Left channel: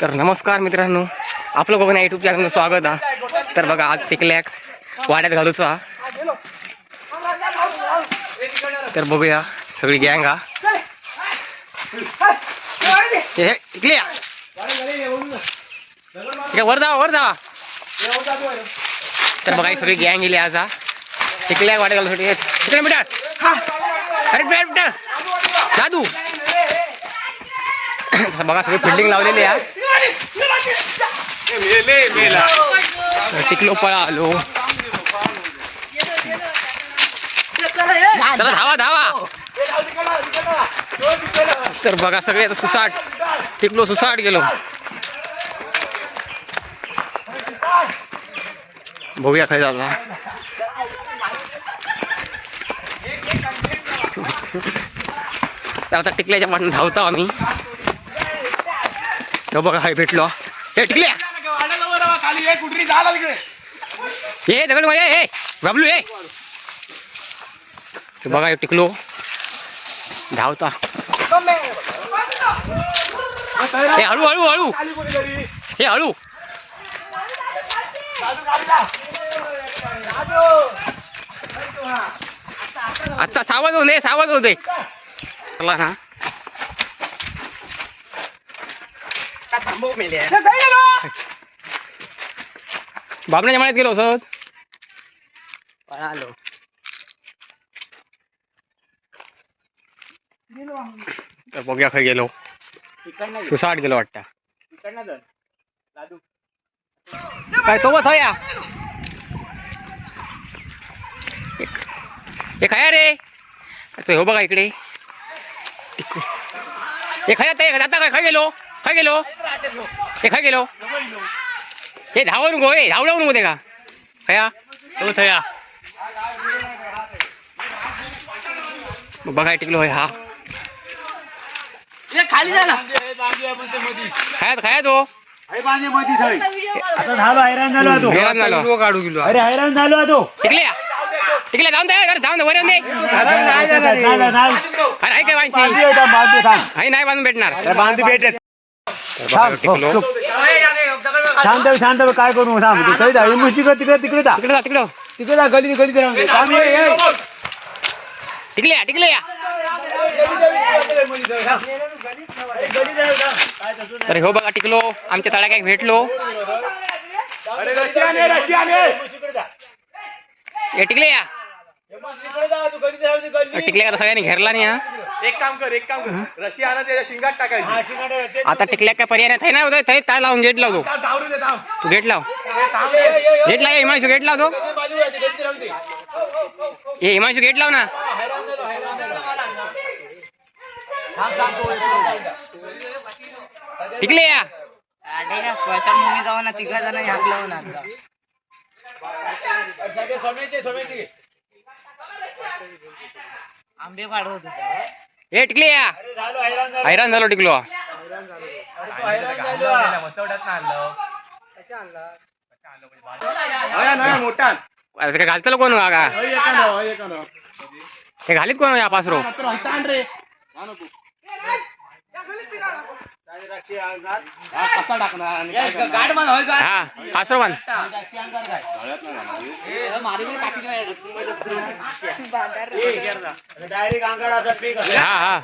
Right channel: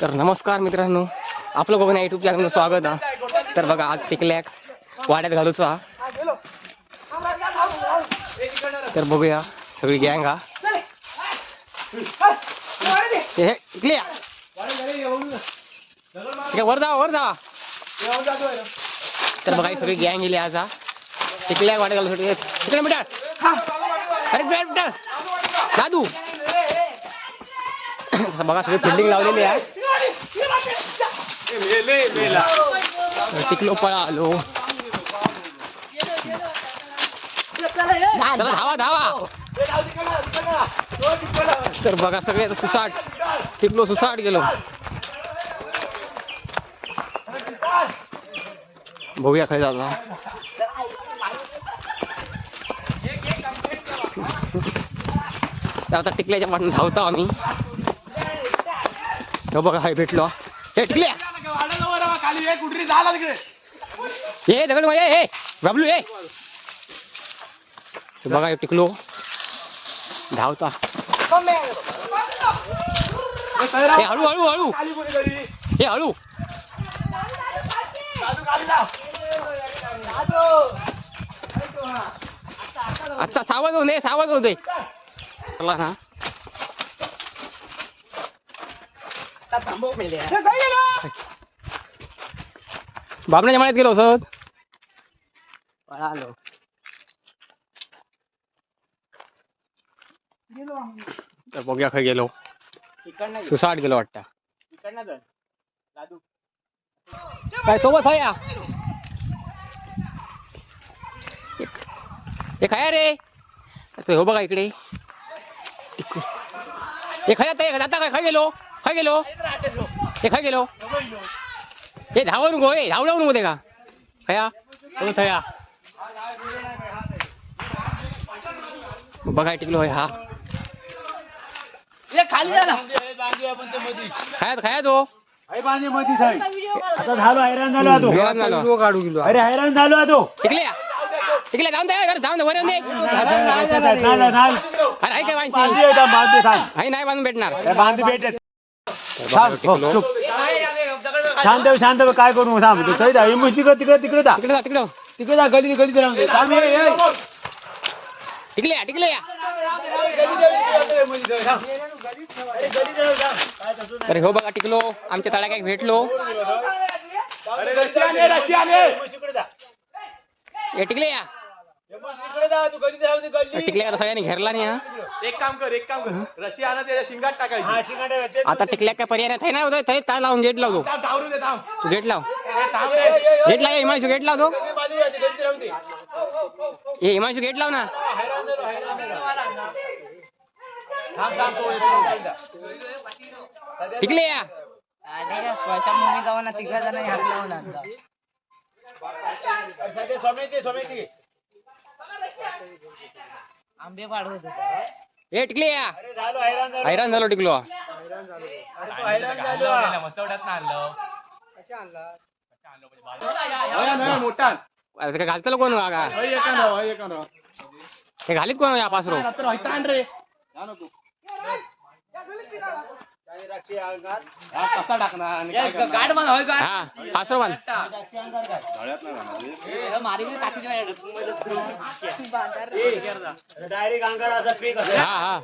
तर नमस्कार मित्रांनो आपलं बघून युट्यूब चॅनल स्वागत हा तर बघा आज टिकल्याक वाड्यात घालूचो। हा तर बघूया सगळी गँग हा हे टिकल्या वर जावा वर जावा तर बघा ही सगळी गँग गेली आज हा टिकल्या वाड्यात घालूसाठी तिकडे बेटा अरे बेटा दादू। बघा सगळी फिल्डिंग लावलेली आहे. टिकलो पळा आलो चला धावा धावा. तर बघा सगळे सुसाट. टिकलो सुसाट गेलो. बघूया खाय जाता आता टिकल्याच्या पाठून धावतो आम्ही. तो बघा हाय भेटलो. हे टिकल्या. ये दगड ये हे बाबलू ये बघा टिकलो. धावता. हे हळू हळू हळू. हे हळू. आता सावध दे सावध होऊ दे. चला ना. बाबण्याच्या मळ्यात गेलो सर. आलो. तर बघूया खय गेलो. सुसाट गेलो वाटतं. काय सोबत हो या? हे खाया रे? तो हो बघा इकडे. हे खाया ते आता? काय खाय गेलो? खाय गेलो? हे खाय गेलो? हे धावू नको हे धावू नको दे का खया तो थया बघा टिकलो होय हा खाली जा ना खायात खाया तो आता झालो हैराण झालो आता. हैराण झालो काढू गेलो अरे हैराण झालो आता. टिकल्या टिकल्या जाऊन दे जाऊन दे वर येऊन दे नाही. अरे आहे काय बांधी होता, बांधी थांब. आहे नाही बांधून भेटणार बांधी भेटेल. तर बघा ह्यो टिकलो शांत हो, शांत हो, काय करू थांब तू काही. हे मग तिकडे तिकडे तिकडे जा तिकडे जा तिकडं तिकडे जा गली गली राहून. थांब, ये, ये. टिकल्या टिकल्या तर हो बघा टिकलो आमच्या तळ्या काय भेटलो अरे, ये, ये. हे टिकले या टिकल्या का सगळ्यांनी घेरला नाही हा? एक काम कर एक काम कर. रशी आणा त्याच्या शिंगात हा, टाकायची आता टिकल्या काय पर्याय नाही ना होतं थंय काय लावून गेट लावतो तू गेट लाव. ये, ये, ये, ये. गेट लाव हिमांशू गेट लावतो ते. हे हिमांशू गेट लाव ना हैराण झालो, हैराण झालो. टिकले या. अरे, सोमेचे, सोमेचे. हे टिकले या अरे, झालो, हैराण झालो. टिकलो मोठा अरे ते काय घालतलो कोण का. हे घालीत कोण या पासरो आण हा. हा? हा. डायरेक्ट असं पीक असं. हा हा.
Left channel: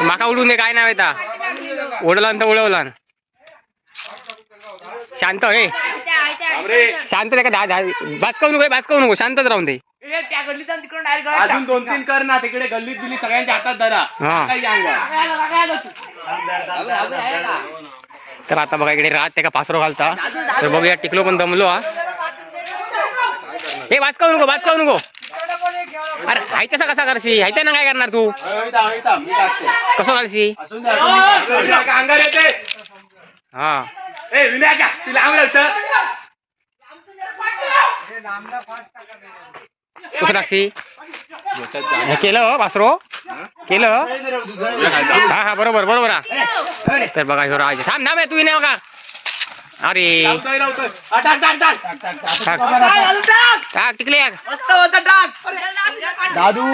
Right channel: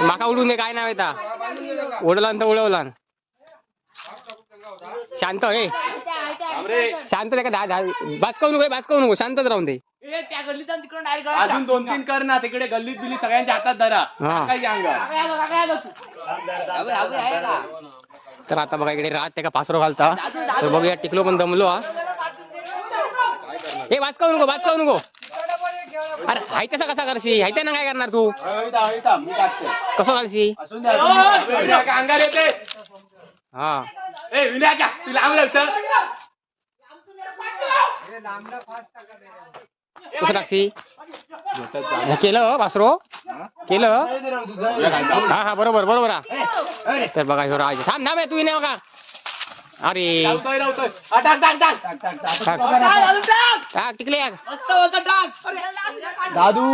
माका उडून दे काय नाव येता उडला तर उडवला शांत हे शांत ते का? धा नको बाचकावू नको शांतच राहून दे. अजून दोन तीन कर ना तिकडे गल्लीत बिल्लीत सगळ्यांच्या हातात धरा. हा. तर आता बघा इकडे रात त्या पासरो घालता. तर बघूया टिकलो पण दमलो हा. हे वाचकावू नको वाचकावू नको. अरे हाय कसा कसा करशी? हाय ना काय करणार तू. कसं घालशी अंगावर येते हा. ए विनायका तिला अंग लावतं कसं टाकशी हे केलं हो, पासरो केलं हा? हा बरोबर बरोबर हा. तर बघा ह्यो राज. थांब थांब हे तू नाही बघा अरे. हा, टाक टाक टाक टाक, टाक, टाक. टाक. आता टाक. टाक टिकले. दादू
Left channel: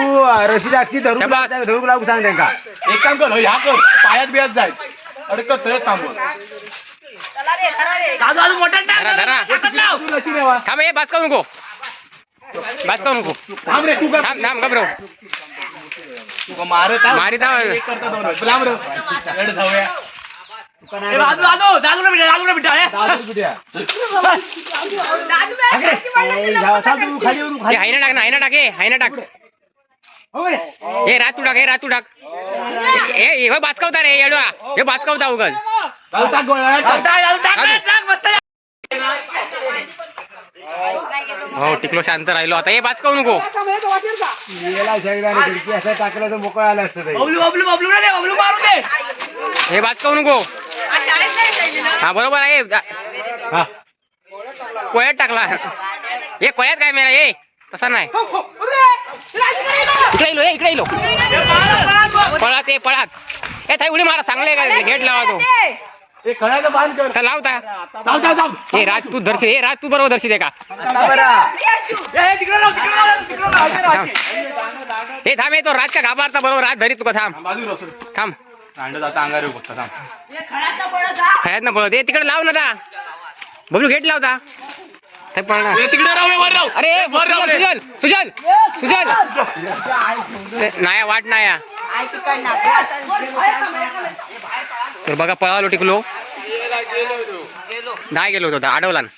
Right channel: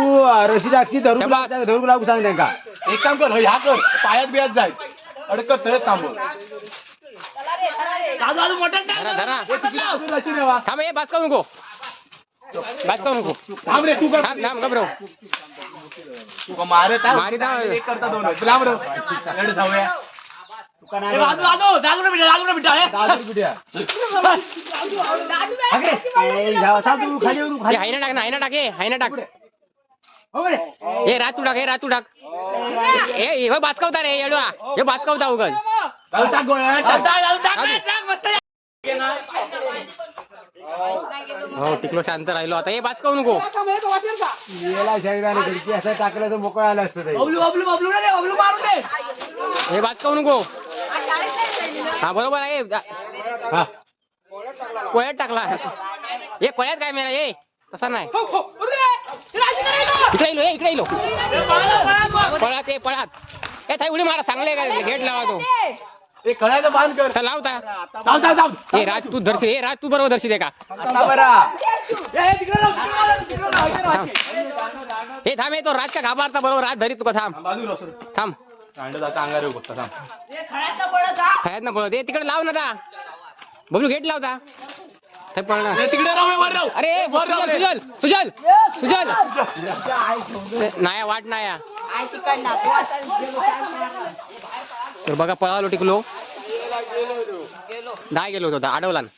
रशी टाकची धरून. धरून लागू सांग त्यांका एक काम कर. ह्या कर पायात बियात जाय अडकत तू लशी रेवा थांब हे बाच करू नको बाच करू नको थांब रे तू कर थांब थांब घबरव तू का मारत आहे? मारीत आहे. एक करता दोन होय. लांब रे लढ जाऊया तुका नाही बघणार. दादू बिड्या. ए, जा- थांब तू खाली येऊन हे खाली हायना टाक ना हायना टाक हे हायना टाक हो रे. हे रातू टाक हे रातू टाक हे हे बाचकावता रे येडवा हे बाचकावता उगल टाक गोळ्या, टाक. हो टिकलो शांत राहिलो. आता हे बाचकावू नको. खिडकी असं टाकलं तर मोकळं आलं असतं ते. हे बाचकावू नको. हा बरोबर आहे. हा. कोळ्यात टाकला. हे कोळ्यात काय मेला? हे तसा नाही. इकडे इलो हे इकडे इलो पळात हे पळात हे थाई उडी मारा चांगले काय गेट लावा तो. हे लावता हे राज तू दर्शी हे राज तू बरोबर दर्शी का आता बरं. थांब हे थांब हे तो राज का घाबरता बरोबर राज धरीत तुका थांब थांब, खळ्यात ना पळत हे तिकडे लाव ना बबलू गेट लावता ते पळणार. अरे. सुजल सुजल सुजल सुजल नाया वाट नाया तर बघा पळालो टिकलो. नाही गेलो होतो अडवला ना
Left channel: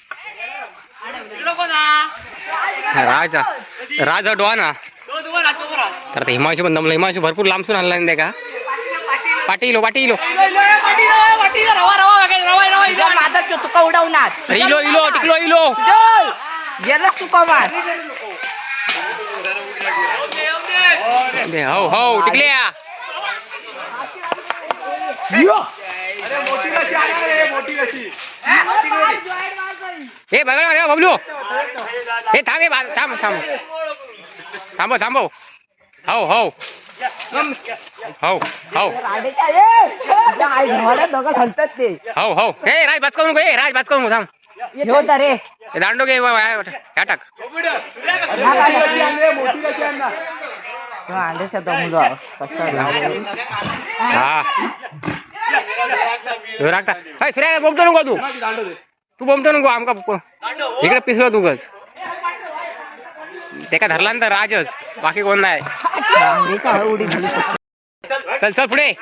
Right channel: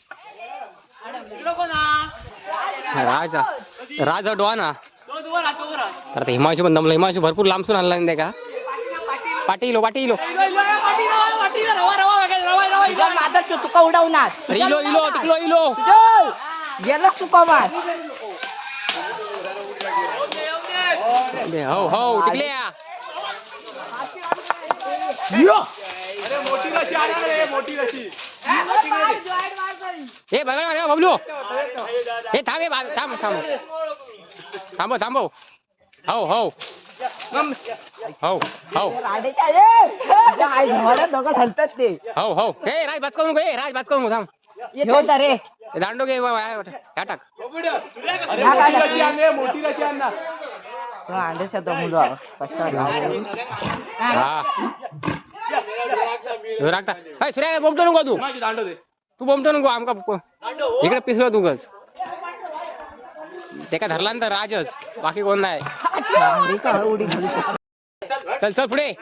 राजा राजा डोहा ना तर आता हिमांशू पण दमला. हिमांशू भरपूर लांबसून आणला नाही का? पाटीलो हो, पाटीलो हो. तुका उडवणार इलो इलो टिकलो इलो. गेलं तुका मार हो हो टिकल्या. हे बघा बघा बबलू हे थांब हे थांब थांब थांबव थांबव हो हो हो हो हो हो हे राज बात करू नको हे राज बात करू नको थांब होता रे हे दांडो घे टाक अरे, मोठी लशी आण रे, मोठी लशी आण ना. अंड्याचा हा ह्यो राखता अय सूर्या तू. माझी तू बोमतो नको आमका इकडे पिसलो तू गस ते का धरला ना तर राजच. बाकी कोण नाही. चल चल पुढे. चल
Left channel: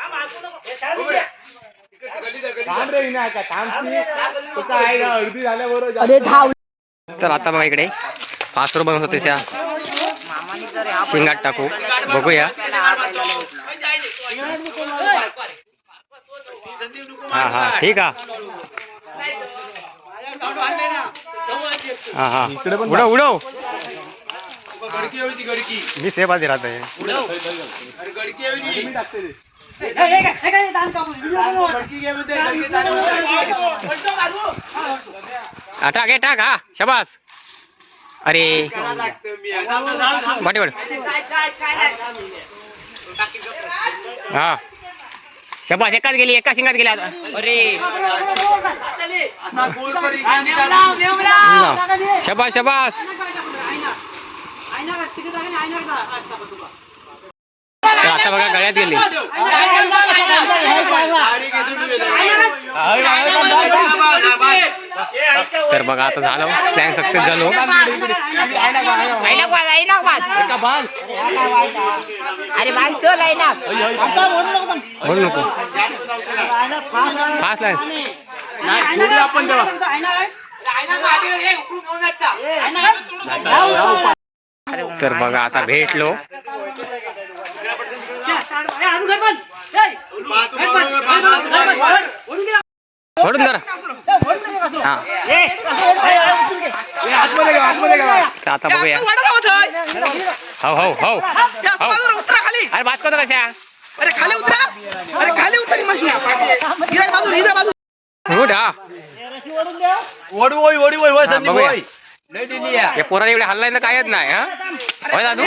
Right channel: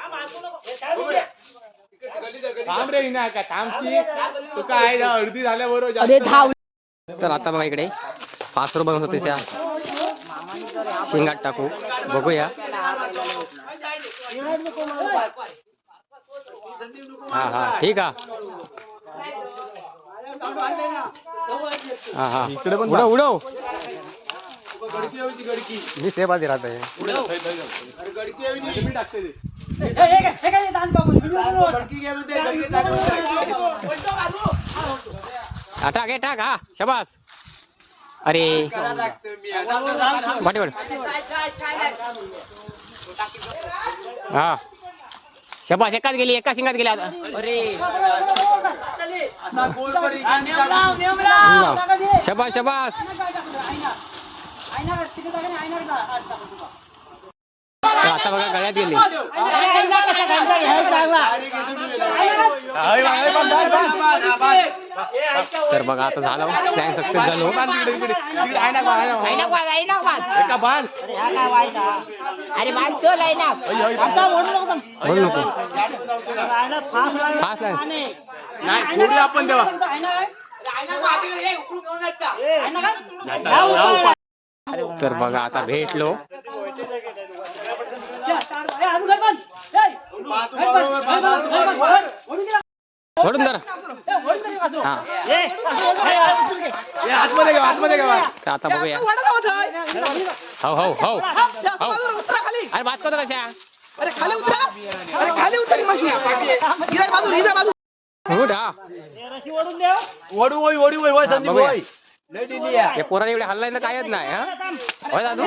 अरे धाव आता बघा इकडे. पाचरो बनवत होते त्या शिंगात टाकू. बघूया. हा हा ठीक हा. हा हा. उडव उडव. गडकी होती गडकी. मी सेवादी राहत आहे. हा, टाक हे टाक हा. शबास. अरे वाटेवर हा शबास एकाच गेली एका शिंगात गेली आता असा गोल कर, इकडे टाक. लाव. शबास शबास तर आता बघा गळ्यात गेली तर बघा आता झालं. प्लॅन सक्सेस झालो. अरे बांध चल आहे ना बोल नको फास्ट लाईन नाही थोडी आपण तेव्हा तर बघा आता भेटलो. सोडून जरा हा. आता बघूया. हो हो हो. हो. अरे बात करतो कशा? अरे खाली उतरा अरे खाली उतर माशी इरा बाजू इरा बाजू हा. ओढू ओय ओढू ओय संदीप. ओय. या पोराने एवढे हल्लाय ना कायच नाही हा? होय दादू?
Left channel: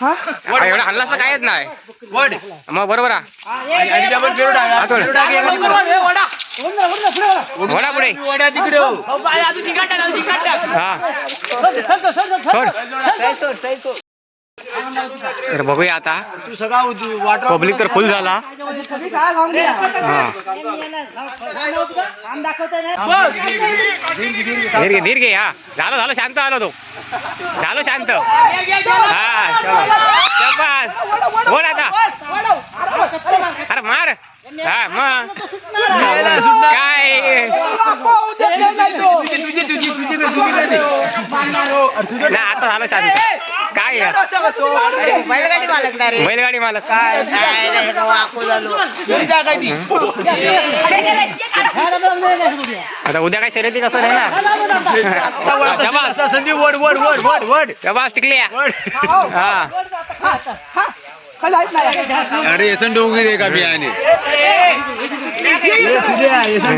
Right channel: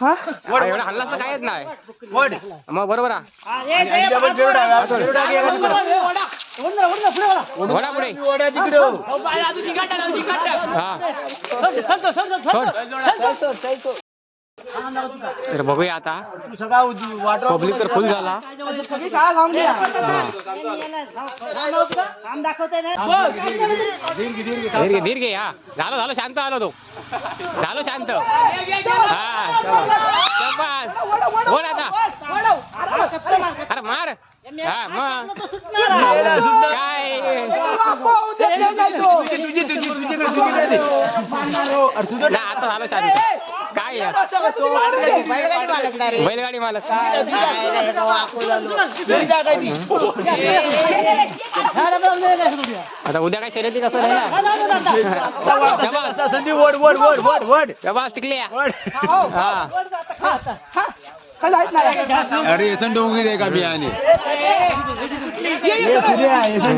हा, एवढा हल्लास तर कायच नाही. मग बरोबर. वडा. पुढे हो. तर बघूया आता पब्लिक तर फुल झाला सगळी हा धीर धीर घे हा झालं झालं शांत आलो तो झालो शांत हा बोल आता अरे मार हा मग काय ना आता झालं शांत काय आहे? बैलगाडी मालक काय आता उद्या काय शर्यती कसं नाही ना शबास संधी वड वड वड वड वड शबास टिकले हा नाही अरे येसन डोंगी रे का बियाणे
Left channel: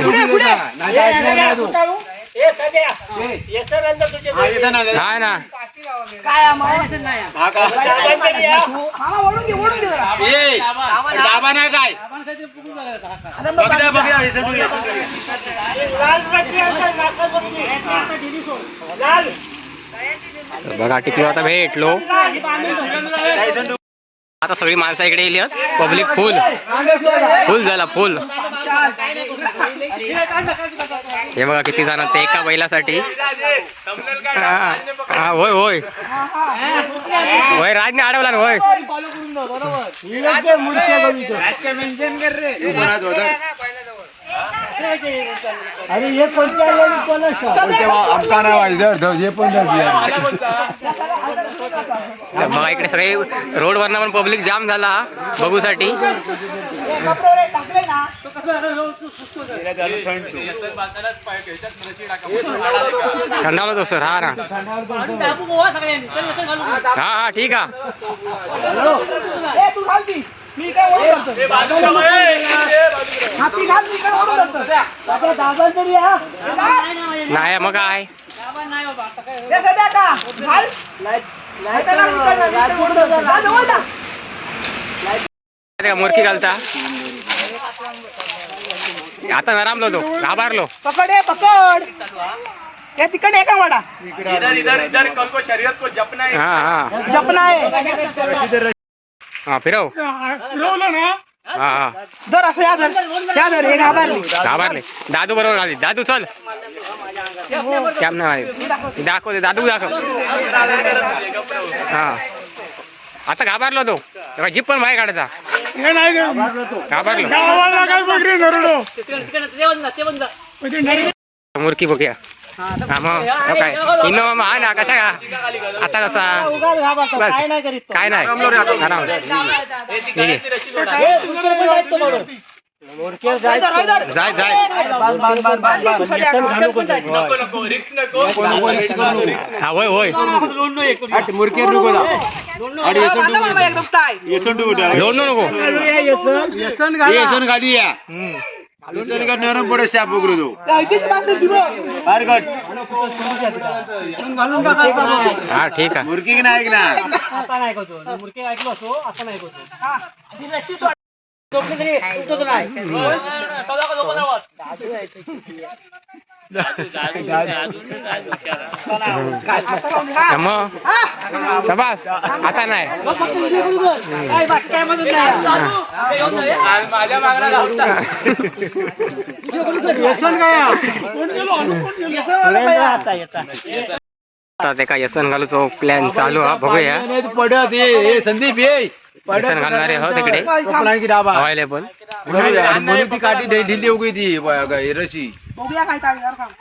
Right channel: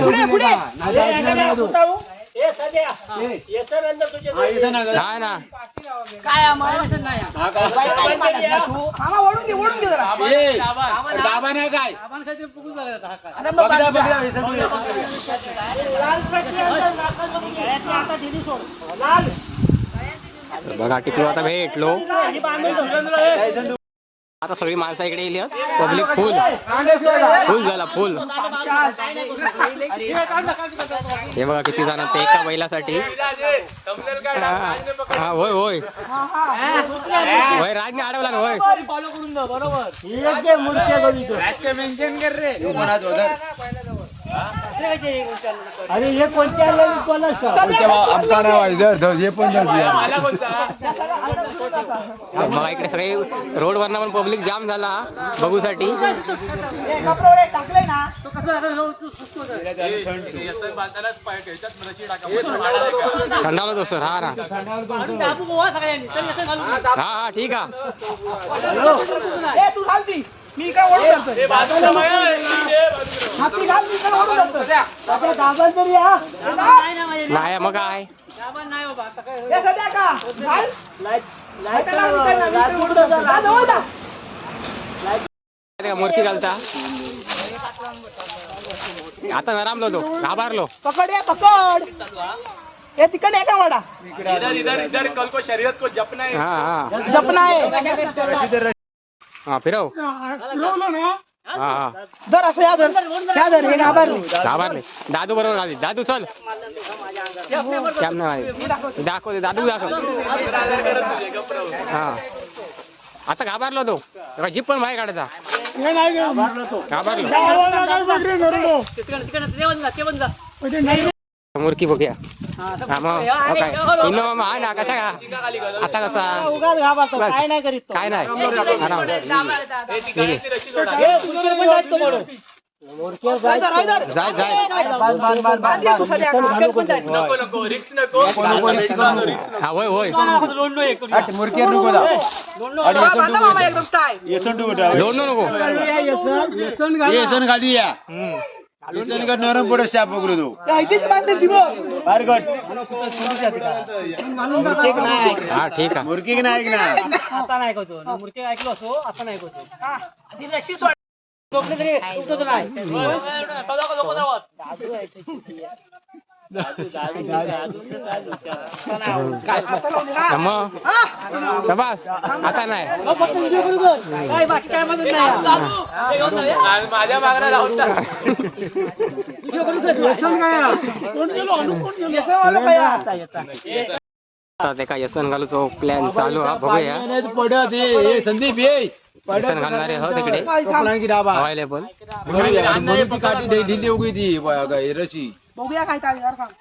पुढे पुढे हा. ना मामा ओढून घे ओढून घे जरा. दाबा ना काय? तर बघा टिकलो आता भेटलो? आता सगळी माणसं इकडे येली पब्लिक फुल फुल झाला फुल हे बघा किती जण ते एका बैलासाठी. हा हा, होय होय. होय राजने अडवला ना होय. आमचा हे पण तर बघा इकडे सगळे रोडवरनं पण पब्लिक जाम झाला बघूसाठी थंडावला तो सर. हा ना हा हा ठीक आहे. मी काय ओढून धरतो हाती घाल मी काय ओढून धरतो नाही मग काय ए सध्या का? घाल. ऐका ना, मी काय नाही, मी काय ओढून धरतो. जा जवळ जा. अरे का मोरकी घालता. आता नरामलो तो घाबारलो पकड ए पकड. ए तिकडे आहे का वाडा? इधर इधर इधर कल को शरीयत को जपना है। हा हा. जपना आहे हा फिरव. हा हा धर असं या धर. या धर हे घाबरली. घाबरले. दादू बरोबर आली. दादू चल. कॅम नाही दाखव दे दादू दाखव. हा. आता घाबरलो तो. तेव्हा जीप पण बाहेर काढायचा. घाबरलो. मुरकी बघूया. हा मग हो काय? इनोवा मग हा ना कसा का आता कसा? बस. काय नाही आहे. जाय जाय. का. नको नको. रिक्स नको. रिक्स हा होय होय. मुरकी नको. दा हा, बांधा मामा एकदम टाय येसन डोंगी लोडू नको येसन गाडी या येसन का नरम पडे शाप पकडू तू त्या इथेच बांधते ती बघ फार कट हा ठीक आहे मुरकी की नाही की नाही हा. हा, मग? हा. शबास आता नाही. आता ते काय यसन घालूचो प्लॅन चालू हा बघूया. तू पडत ये हे संदीप ये यसन घालणारे हो तिकडे. कपडा की डाबा अवेलेबल म्हणून ती काठी ढिली उगी ती रशी बघूया काय चालेल यार थांब.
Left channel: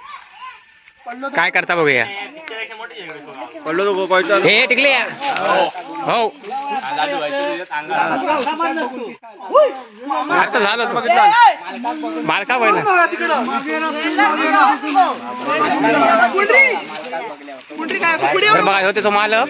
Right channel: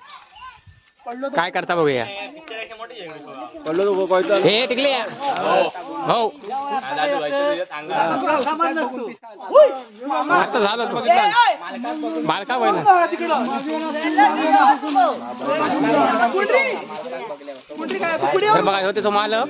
पडलो तर काय करता बघूया पडलो तो हे टिकले हो आता झालं तो. मालका पहिला बघा तिकडं. कुंडरी काय तर बघा होते तो मालक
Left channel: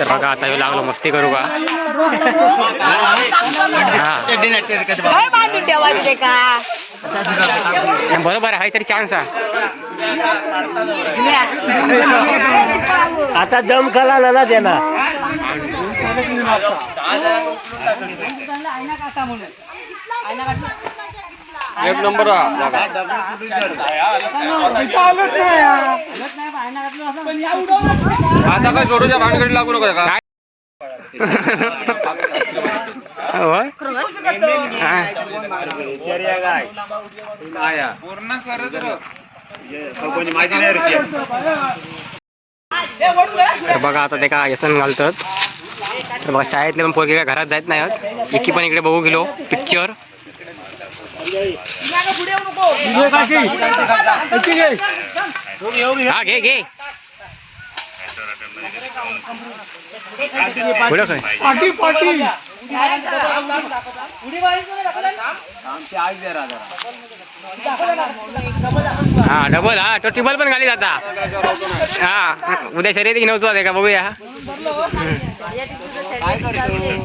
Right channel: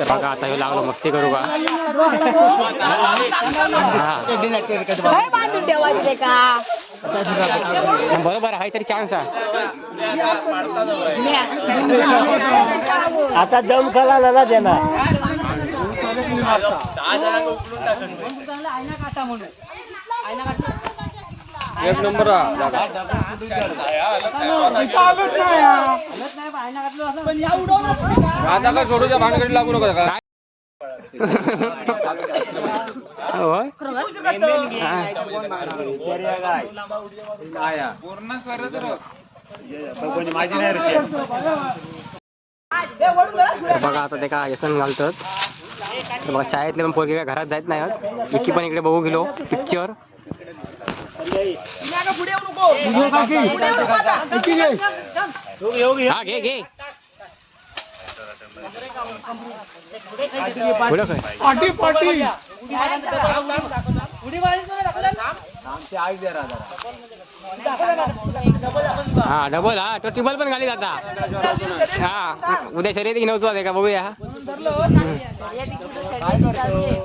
तर बघा आता ह्यो लागलो मस्ती करू का? हा बांधून ठेवायचे का? बरोबर आहे तरी चान्स आहे. आता दम खाला ना देणार. एक नंबर आता काय सोडूच्या भानगडी लागू नका का? पूर्ण करत बघा आता ते का व्यसन घालतात. बघा शाळेतले पण पोरगे काय घरात जायत नाही इतकी एकी पण इकडे बघू गेलो पिक्चर पुढे येऊ नको पुढे येऊ हा घे घे. पुढं काय पाटी पाटी उडी मारायची ना हा डबल हा तो टिबल पण घाली जाता हा उद्या शर्यत नव्हतो आहे का बघूया.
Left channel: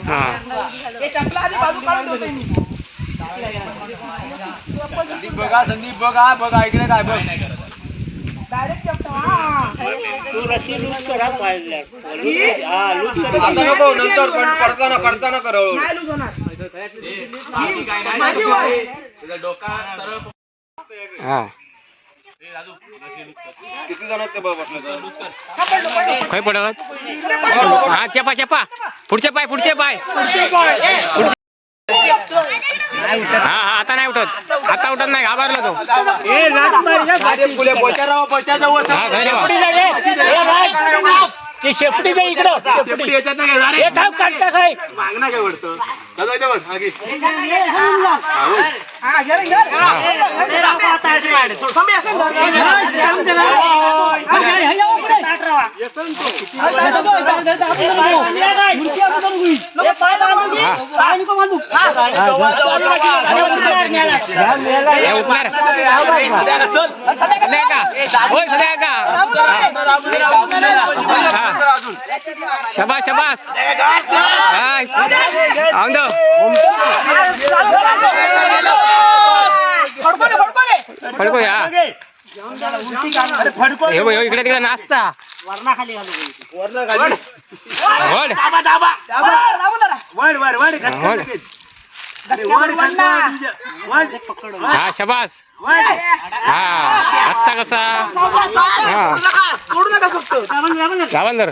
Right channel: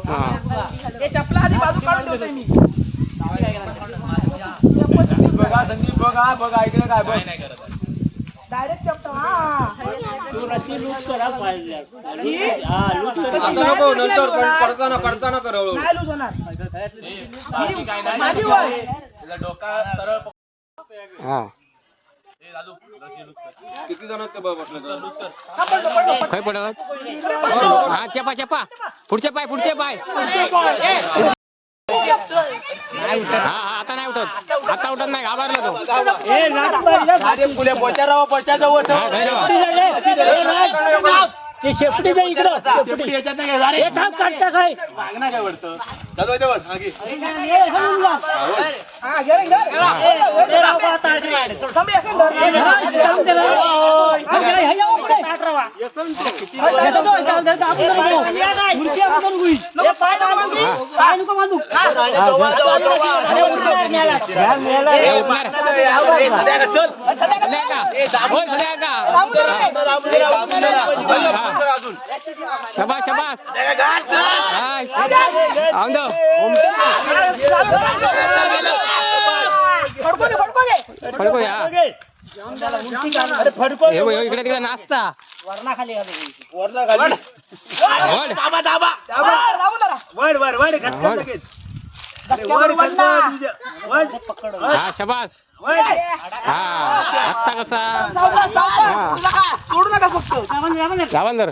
हा. हे चपला आधी बाजू काढून ठेवतोय मी. बघा संदीप बघा बघा ऐकलं काय बघ. डायरेक्ट चपला हा. आता नको नंतर करताना करताना कर नाही लूज होणार. माझी वय. किती जण ते बघ म्हटलं हा पडलो पडलो. खय पडत हा चपा चपा. पुढचे पाय पुढचे पाय. हा हा आता नाही उठत. आता उठत नाही घाबरलो तो. फुले पोचा राव पोचा जाऊ हा. ते शेपटी दे इकडं. शेपटी हे थांब काढता काय मागणं काय? दादा जेवण, सध्या का होय सध्या का. शबास शबास. फडको या इकडे तिकडे नाचता. हा शबास. हा आत्ता कसा. हा. सोडू नका.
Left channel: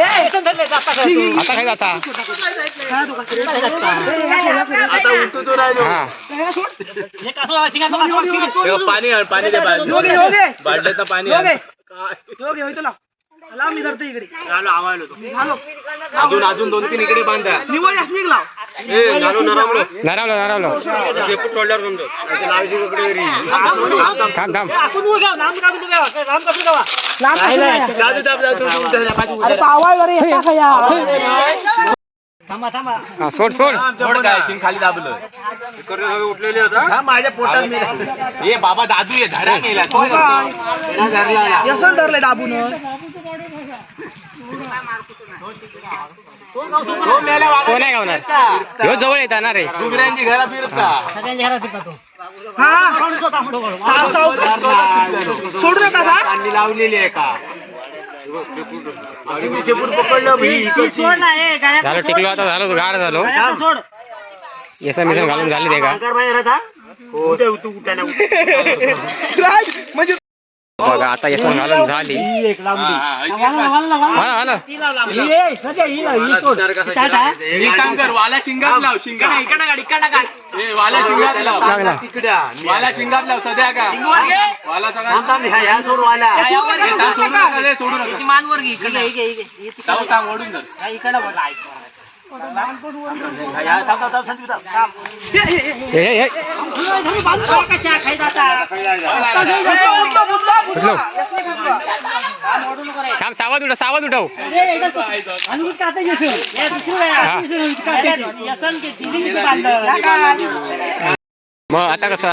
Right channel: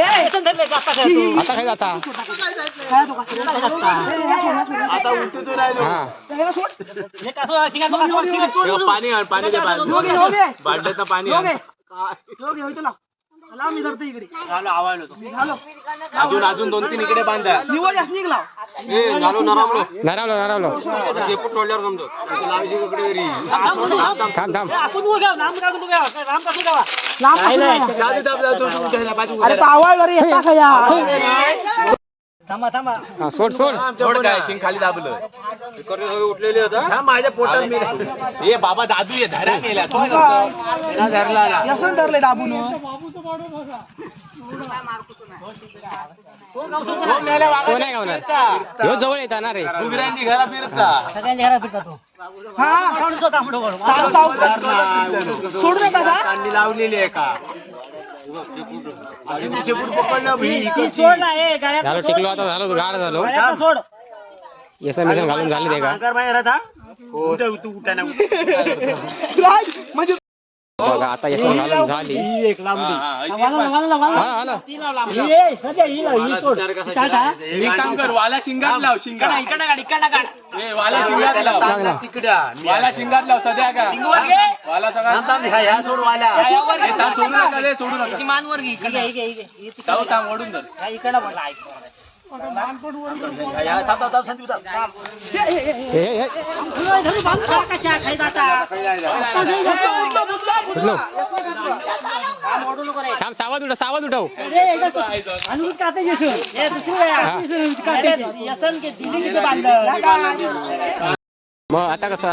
आता काय जाता आता उठतो तो राहिलो. हा पाणी पाणी. बाटलीचं पाणी आण. लाव मी धरतो इकडे. घालो अजून अजून दोन तीन इकडे बांधा. निवड यास निघला ए घालू नरामलो नारावलो नारावलो. शेपूट समजो ते घरी थांब थांब. दाब बाजू अरे येता हा सोड सोड. सोड काय शिंग खाली दाबलं. उठलेले होता. माझ्या पोटात हे बाबा दादू ये धरा केला तो धरला व्यसन धरले दाबून. कोण आहे गावणार. ह्यो जवळ येता ना रे. डुगऱ्यांची घरा फिरता. हा? साव- साव- सोडू नका लावलेली आहे का? झालो टिकलो आता झालो गाड झालो. येसा मिशन घालून झाले ते का? म्हणजे बघा आता येसन घालून झाली. हा हाला कर वाला शिंगात लाव. शिंगात ए, वाला शिंगात लाव लागला. तिकड्या वाला शिंगात लाव सध्या का? वाला सगळा ह्या सोड वाला. सोडू नका रे, सोडू नका. थांब, थांब, ओढून धर. या, थांब सावध उठव सावध आता कसा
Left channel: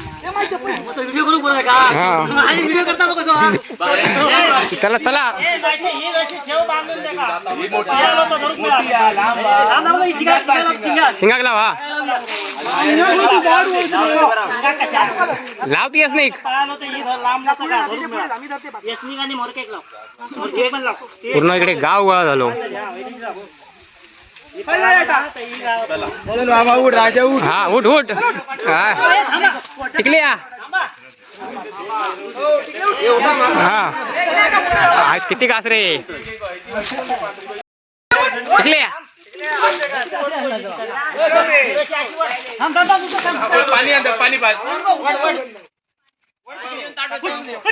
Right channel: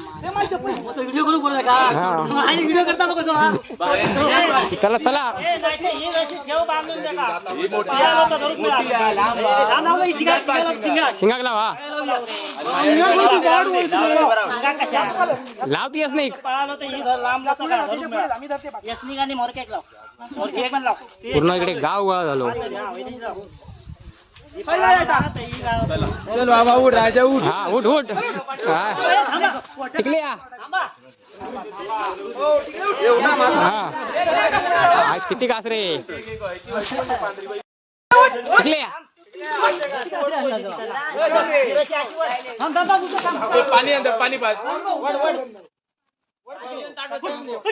हा. चला चला शिंगाक लाव हा लावतीयस पूर्ण इकडे गाव गोळा झालो पहिला उठ हा उठ उठ. हा. टिकले या. हा. आज किती कास रे? टिकली या. पाणी आणतो पाणी पाच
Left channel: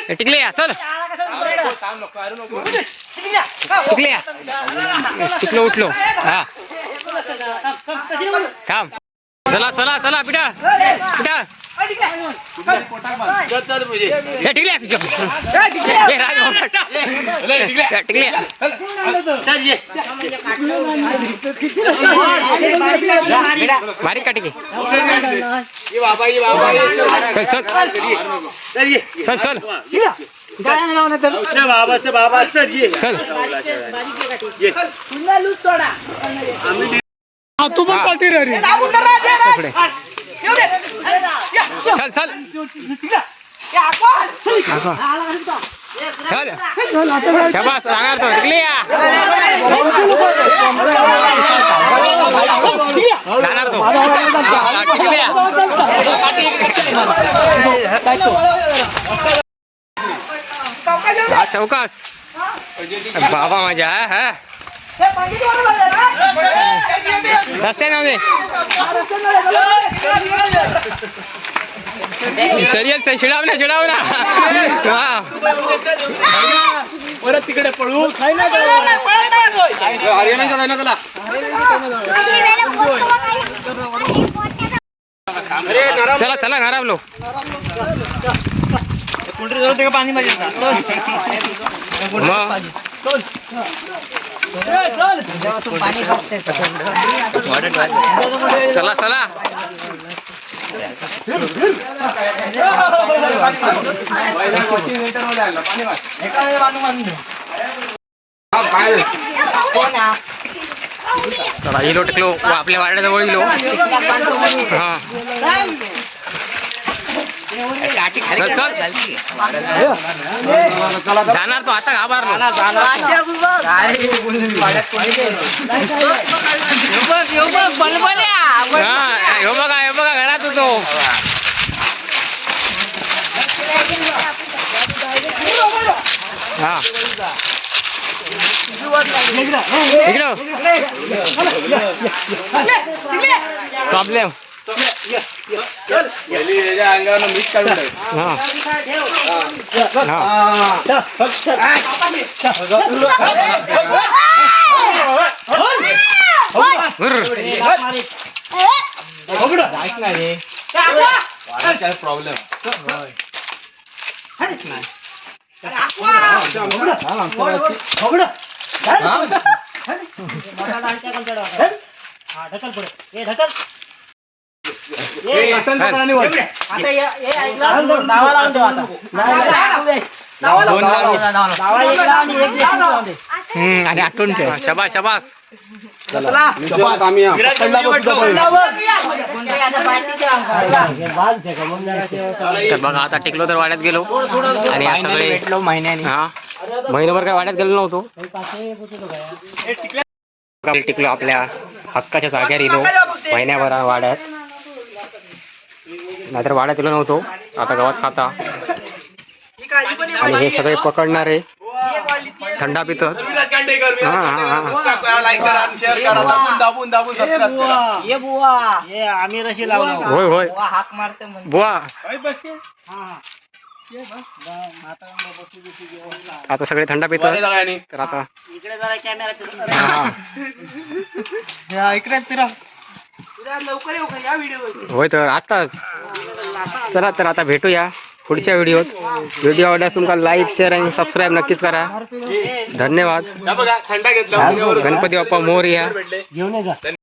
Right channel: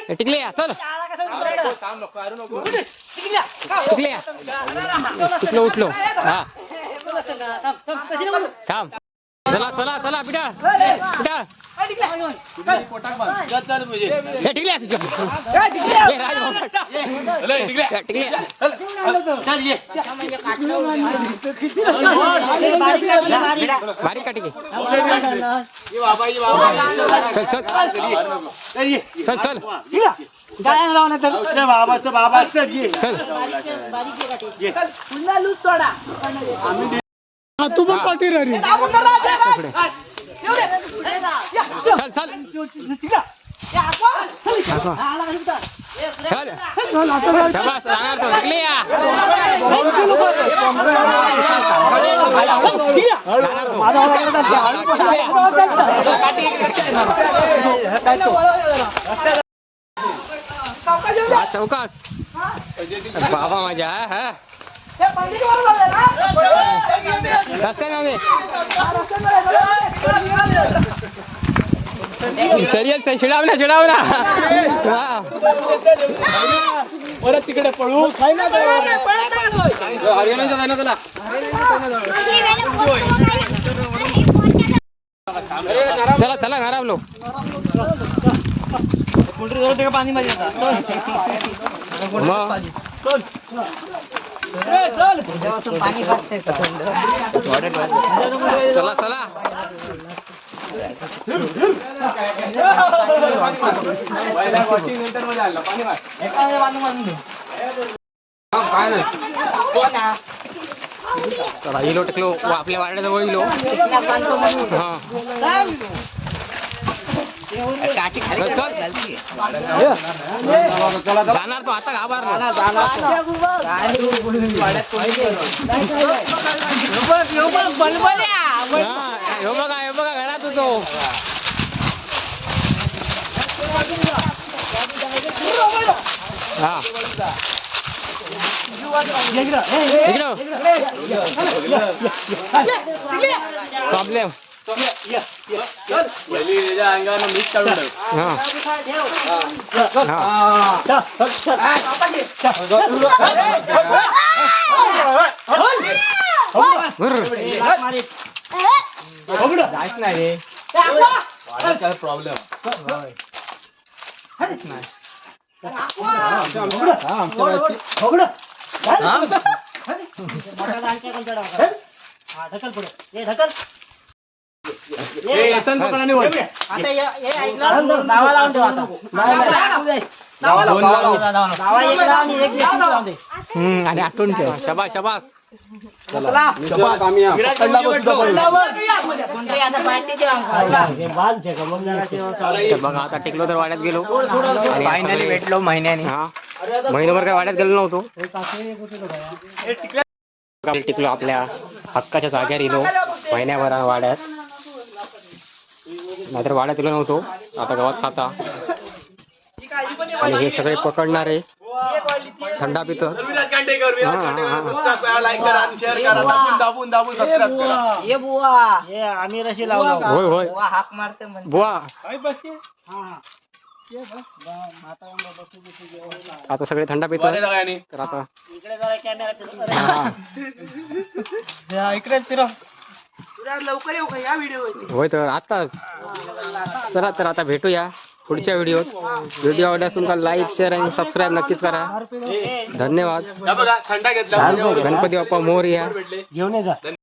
टिकली या चल. टिकली या टिकलो उठलो हा. थांब. चला चला चला पिटा पिटा हे टिकली तुझ्या हे राज भाऊ टिकली। बारीक का टिके चल चल। चल चल। बाबाचं बाबाचं ये. चल। पुन्हा लूज सोडा. हा. दाबून धर ना, दे ना. पुढे. येऊ दे. या. चल चल या, आपण. दाखव. चल शाबास राहणार तो टिकली या राहणार तो हा, टिकली या सावकाश येऊ दे. हा चौकास बाबा माझ्या हा हे पंडितवरून आले ना? रस्ते नव्हते शर्यत शिडाव ना शिडाव ना. हा परत तिकडे पळू. चला चला घरावलो मग? चला चला. चला इलो टिकलो व आपल्या वाड्याजवळ इलो हा. जाणार तो आता घाबरलो हा बघा ह्यो बघा घरात होतो. हा. इकडं. प्रॉब्लेम अंगावर मीठ काढून टाक. हा हा उर्र. वाड्याचा प्रॉब्लेम हम्म आणि आठवून ठेव. शबास शबास. तर बघा आता टिकलो तर वाड्यात गेलो. आणि सगळे हा. महिनाभर काय वाड्यात गेलो नव्हतो. टिकलो. आपल्या हक्काच्या जाग्यावर येलो महिन्याभर वाड्यात. नाहीतर वाड्यात गेलो नव्हतो. आता गावात खाता. आणि हे सगळे पकडणारे थंडा पितो हा, हा, हा. हे होय होय. बुवा म्हणजे हा हा. आता सगळे थंडा पितो तर आता इकडे लवकर येऊ का या व्हिडिओ होय तर आताच चला तर आता भेटूया पुढच्या व्हिडिओत. व्हिडिओ आवडल्यास तुमका लाईक शेअर आणि सबस्क्राईब नक्कीच करा. धन्यवाद. गणपती बाप्पा मोर या घेऊन जा.